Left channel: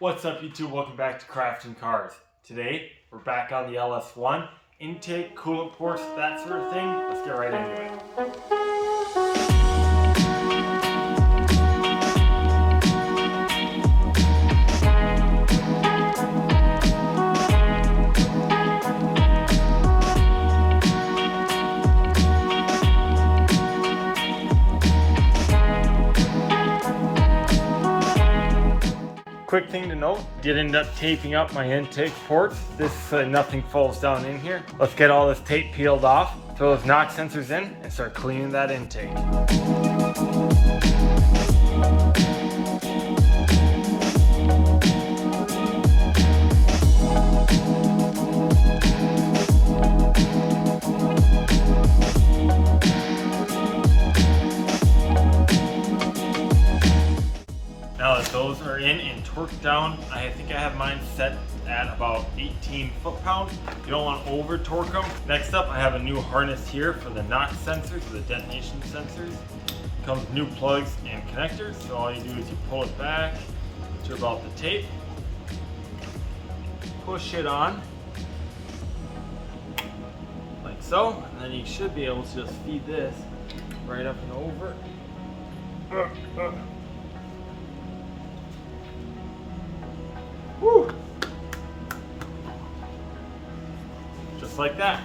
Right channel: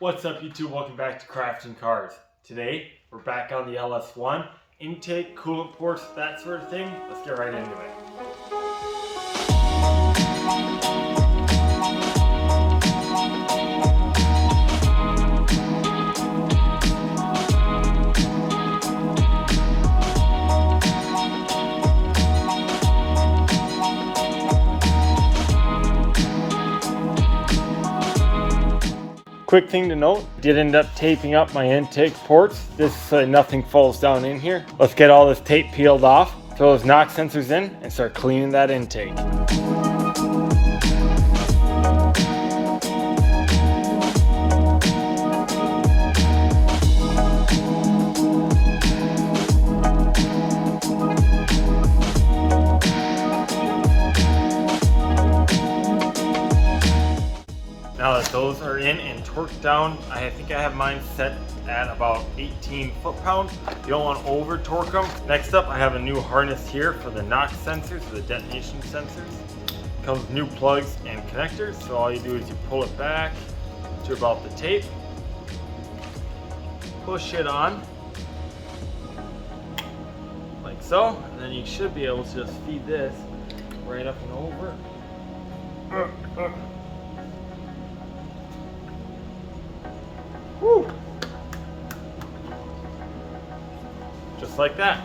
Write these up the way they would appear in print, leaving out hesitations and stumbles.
What's up YouTube? Welcome back to Crafting Cars. Today we're back on the LS1. Intake, coolant ports, that sort of thing. Let's get right into it. Quick thing to note, did end up taping up my intake ports. This nothing falls down in here. Let's get all this tape peeled off, throw those knock sensors in, and start cleaning that intake. Now that those are in and torqued down, I think I have mine set at about 18 foot-pounds. You don't want to over torque them. Next up, I have a new harness here for the knock sensors, the detonation sensors. It comes with new plugs and connectors, so all you do is you pull it back to about the tape, push it on, like so, and then you should be able to just feed this right up and over. Woo. Just like that.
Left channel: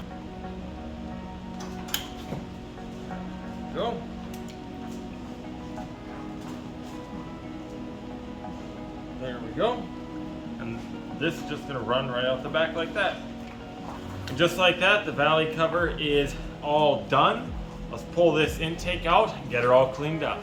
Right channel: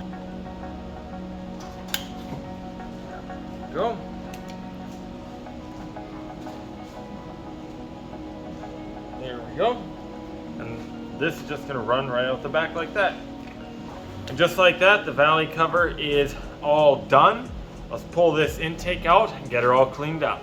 Go. There we go. And this is just going to run right out the back like that. And just like that, the valley cover is all done. Let's pull this intake out and get her all cleaned up.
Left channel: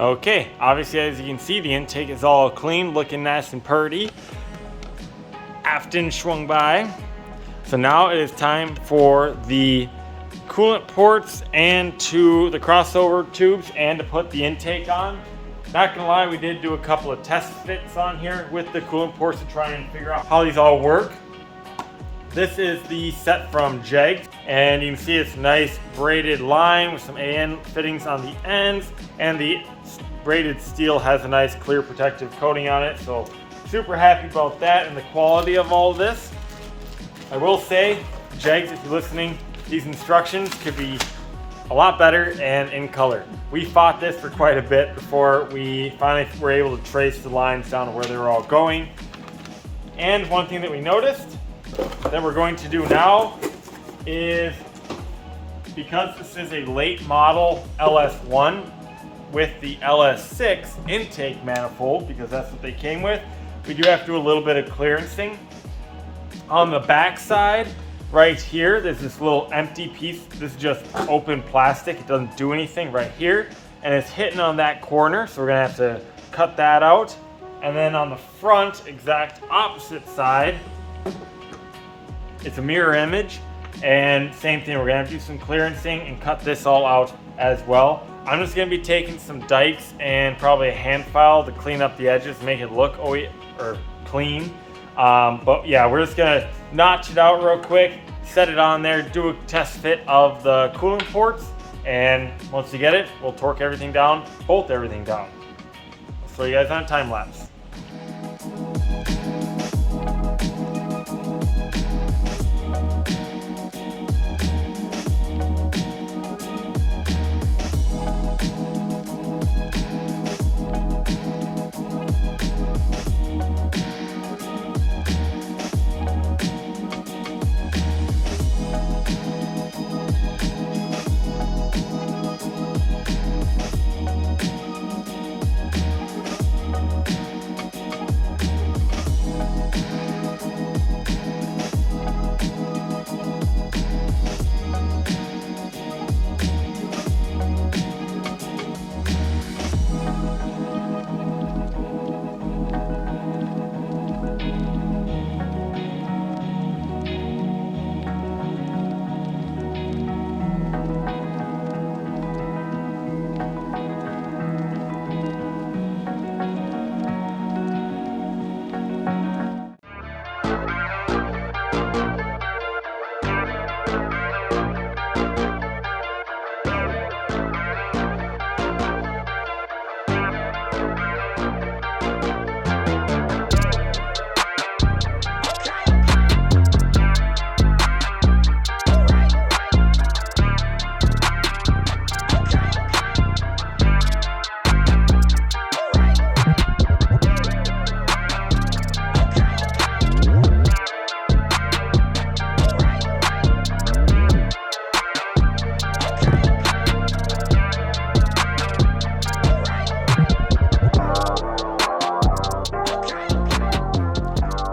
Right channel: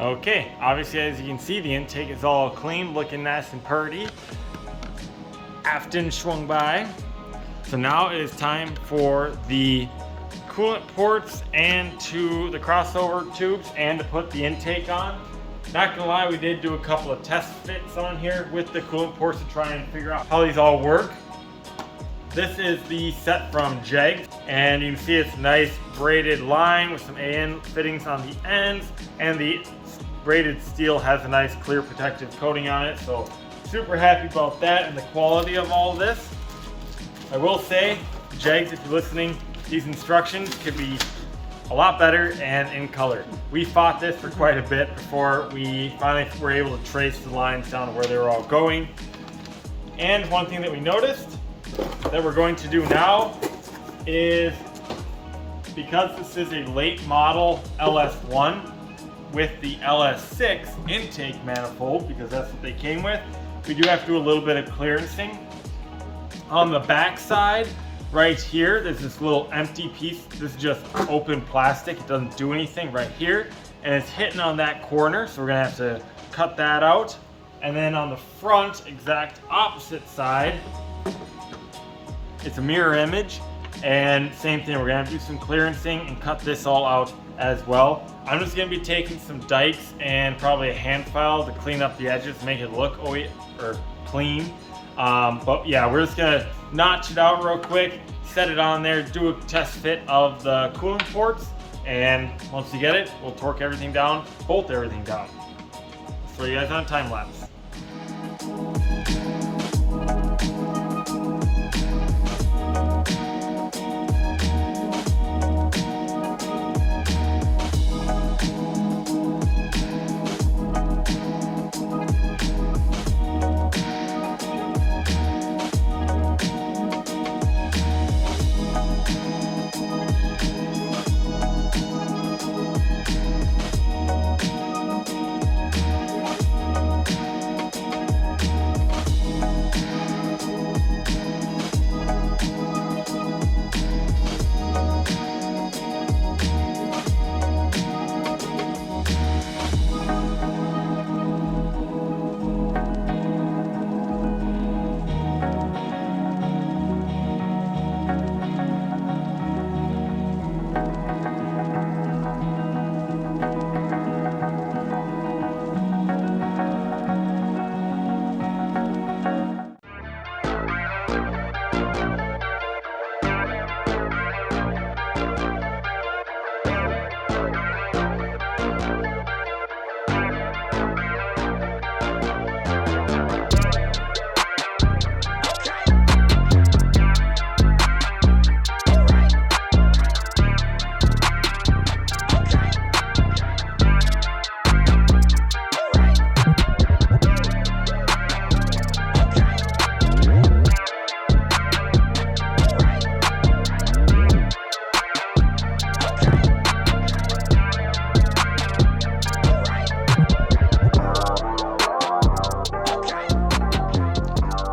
Okay, obviously as you can see, the intake is all clean, looking nice and purty. Afton swung by. So now it is time for the coolant ports and to the crossover tubes and to put the intake on. Not gonna lie, we did do a couple of test fits on here with the coolant ports to try and figure out how these all work. This is the set from Jag, and you can see it's a nice braided line with some AN fittings on the ends, and the braided steel has a nice clear protective coating on it, so super happy about that and the quality of all this. I will say, Jags, if you're listening, these instructions could be a lot better and in color. We fought this for quite a bit before we finally were able to trace the lines down to where they were all going. And one thing that we noticed that we're going to do now is, because this is a late model LS1 with the LS6 intake manifold, because that's what they came with, we do have to do a little bit of clearancing. On the back side, right here, there's this little empty piece. This is just open plastic. It doesn't do anything right here. And it's hitting on that corner, so we're gonna have to cut that out. And then on the front, exact opposite side, it's a mirror image. And same thing, we're gonna have to do some clearancing and cut this all out as well. I'm just gonna be taking some dikes and probably a hand file to clean up the edges, make it look clean. But yeah, we're just gonna notch it out real quick, set it on there, do a test fit of the coolant ports, and once we get it, we'll torque everything down, bolt everything down. So you guys on time lapse.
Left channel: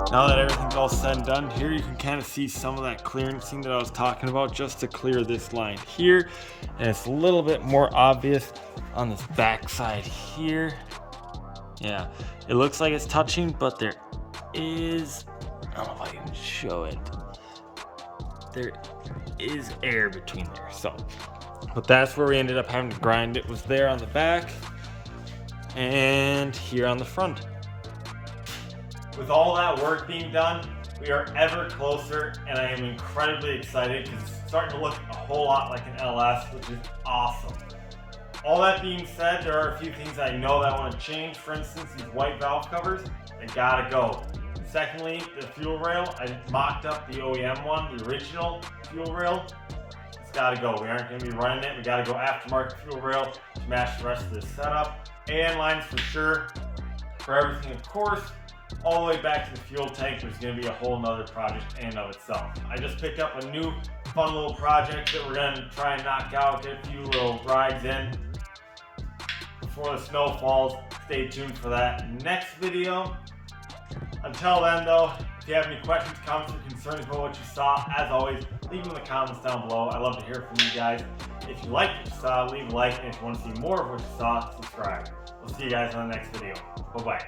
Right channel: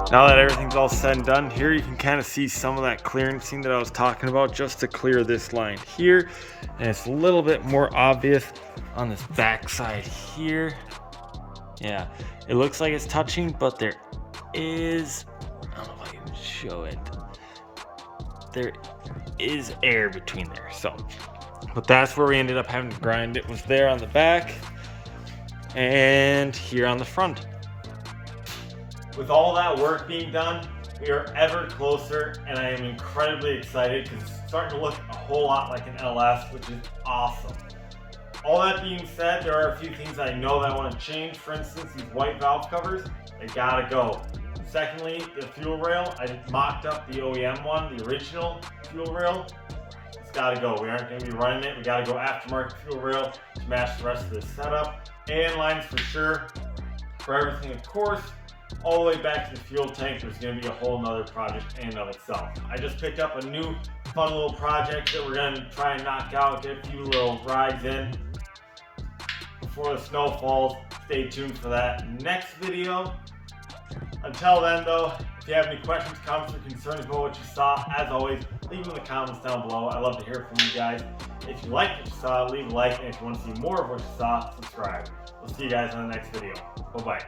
Now that everything's all said and done, here you can kind of see some of that clearancing that I was talking about, just to clear this line here. And it's a little bit more obvious on this back side here. Yeah, it looks like it's touching, but there is, I don't know if I can show it. There is air between there. So, but that's where we ended up having to grind it, was there on the back and here on the front. With all that work being done, we are ever closer, and I am incredibly excited because it's starting to look a whole lot like an LS, which is awesome. All that being said, there are a few things I know that I want to change. For instance, these white valve covers, they gotta go. Secondly, the fuel rail, I mocked up the OEM one, the original fuel rail. It's gotta go. We aren't gonna be running it. We gotta go aftermarket fuel rail to match the rest of this setup. AN lines for sure. For everything, of course. All the way back to the fuel tank, there's going to be a whole nother project in and of itself. I just picked up a new fun little project that we're going to try and knock out, get a few little rides in before the snow falls. Stay tuned for that next video. Until then though, if you have any questions, comments, or concerns about what you saw, as always, leave them in the comments down below. I love to hear from you guys. If you liked what you saw, leave a like, and if you want to see more of what you saw, subscribe. We'll see you guys on the next video. Bye-bye.